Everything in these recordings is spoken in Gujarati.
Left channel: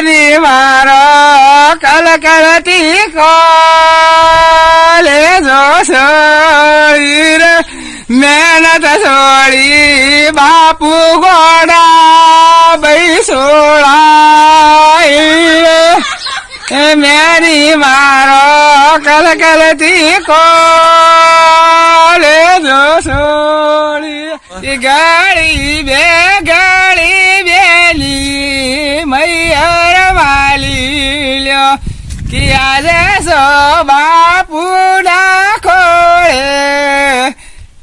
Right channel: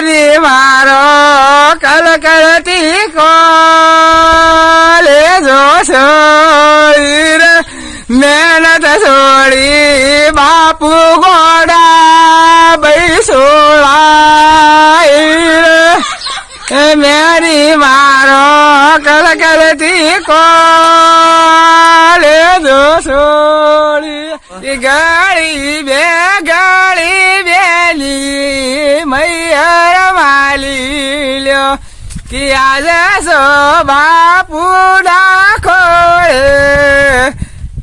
બેની મારો કલકલતી કોલે જોશો મહેનત છોડી બાપુ ગોડા બૈસોળા મેરી મારો કલકલતી કોલે જોશો ગાડી બે ગાડી બેલી લ્યો કે આજે સો બાપુ નાખો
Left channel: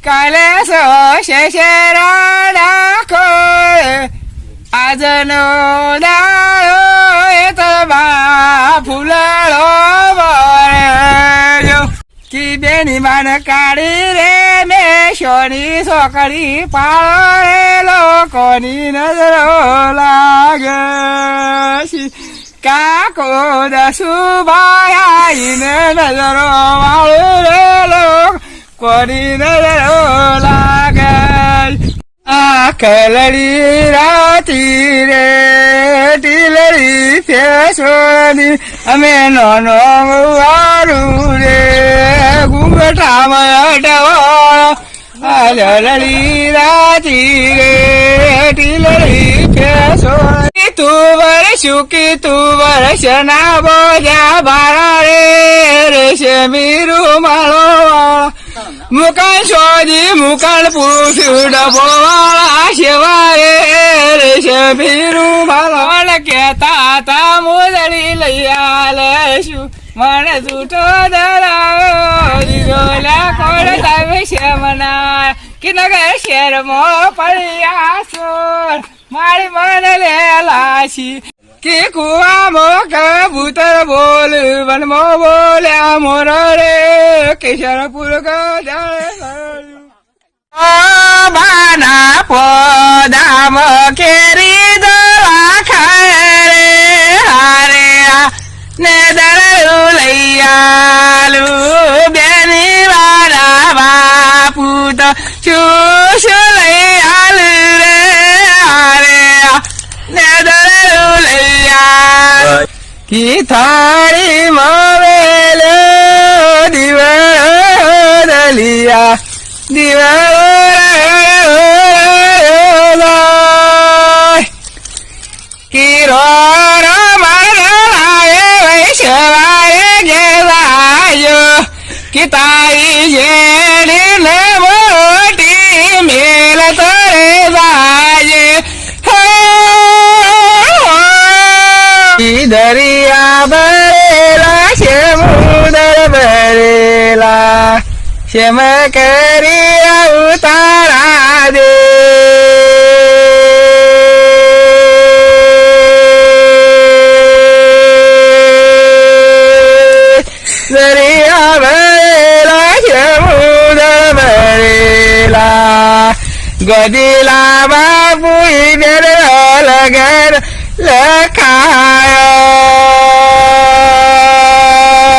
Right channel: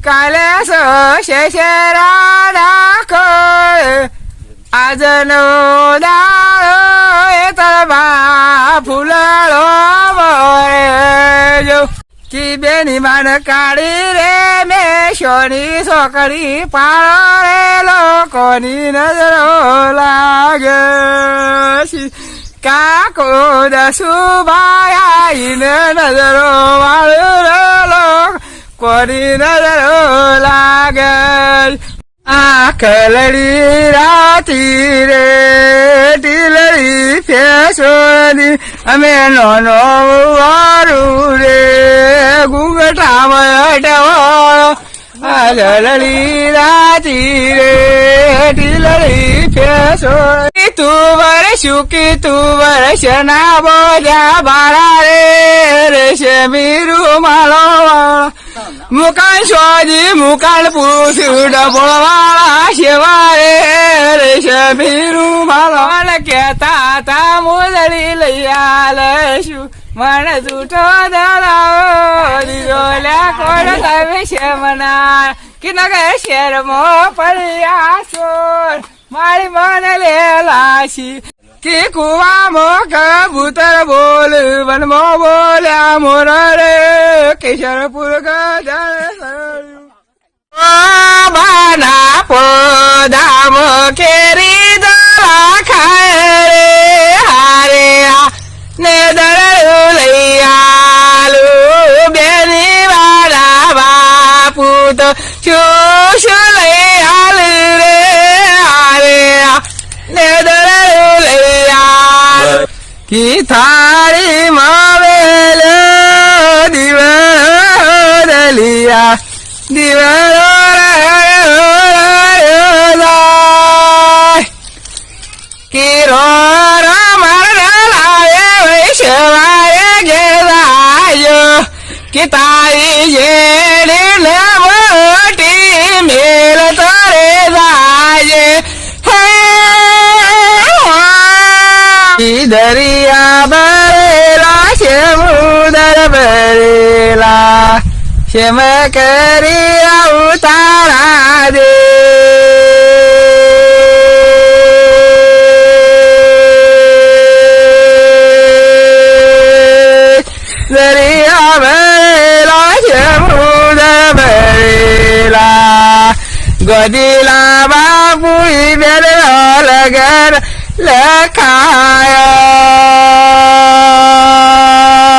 કાલે સો શેષરા નાખો આજનો દાડો એ તો ફૂલડો વળ્યો કી બેની માન કાઢી રે મે સોની છોકરી પાડો રે લોકોની નજરો લાગે. કાકો દસુભાઈ આઈને નજરો વાળો રે લોકોની નજરો લાગે આ કલડી રાતી રે ટીલડી છે સોની અમે નાનો વારું રે ઘૂંઘટામાં અટવાળો આ લલડી રાતી રે ટીલડી છે સોની તું વર્ષ કે તું વર્ષ ના બોલ્યા બારા રે રેશમી રૂમાલો મુકાન શોધી, મુકાન પૂછ્યું ડબો વાળા શિવારે મીરુ માલો કેતા તા મોદડી લઈ આલશું? મને જૂઠો દરાવો દીધો કોણ તમે શેમના? કે નગે શેરમાં પડ્યા સોર મારી મને લેલાશી કે કુવામાં કબૂતર બોલ, વનમાં બોલ્યા મોર રે કેશરપુર બાના પોદામ કેરી લઈ આલુ રે હારે ને દરું આલુ કી થાળી માવેલ દિવલિયા દિવલા કિરો મારે લાવે વૈશવાય ગેવાયો કે તાઈ ને દરિયા ભરેલા છે મુદર ભરેલા શેમ કરી આવું તારા દે દરિયા ભરેલા છે મુદર ભરેલા ગદીલા બાપુ બેર લગર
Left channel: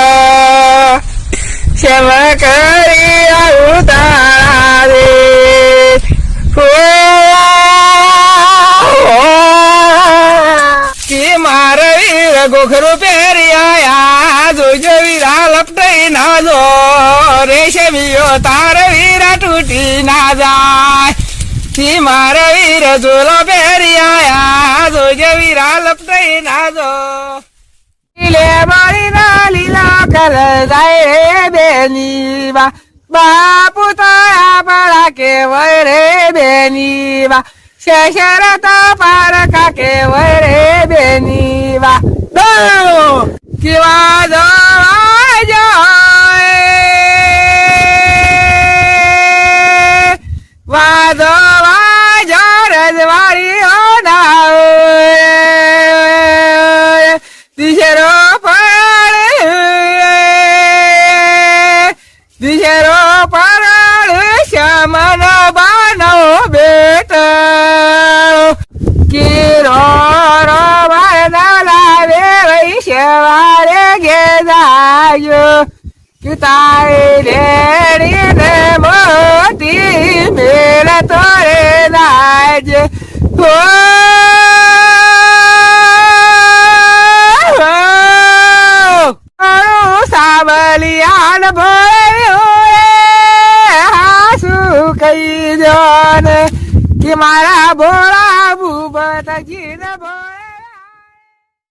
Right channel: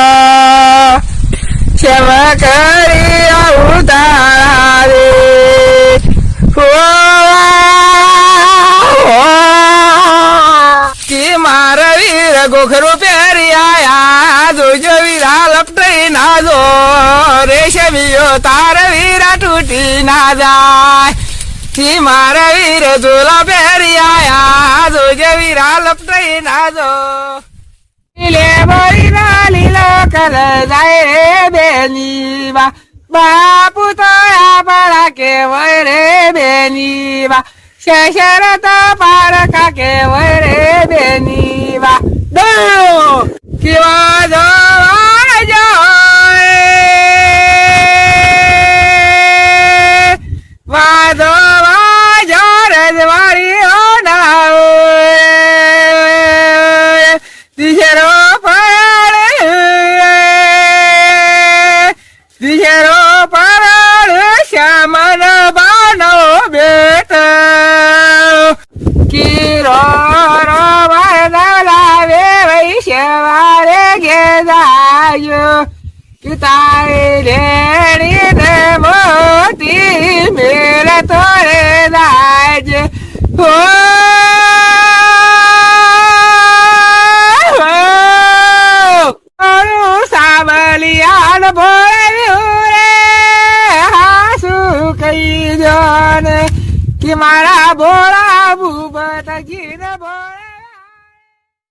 લખાયો. શેમ કરી આવું તારા રે કે મારે વીર ગોખરું પહેરી આયા જોજો વીરા લપટઈ ના જો રેશમીઓ તાર વીરા તૂટી ના જાય. કી મારે વીર ઝોલા પહેરી આયા. જોજો વીરા લપટઈ ના જો. લે બળી ના લીલો કર જાય બેની બા બાપુ તો આપણા કેવય રે બેની બા શેષર તો પારકા કેવય રે બેની બા દો કેવા જોવા જાય. વાદો દિશરો પરાળ શ્યામન બાનો બેટ. કિરો લાવે વૈશ્વારે ગેદાયો. કિતાઈ લેડી ને મોતી મેળ તોરે દાજ હો કહી દો ને કે મારા ભોળા ભૂપત ગીર ભોળ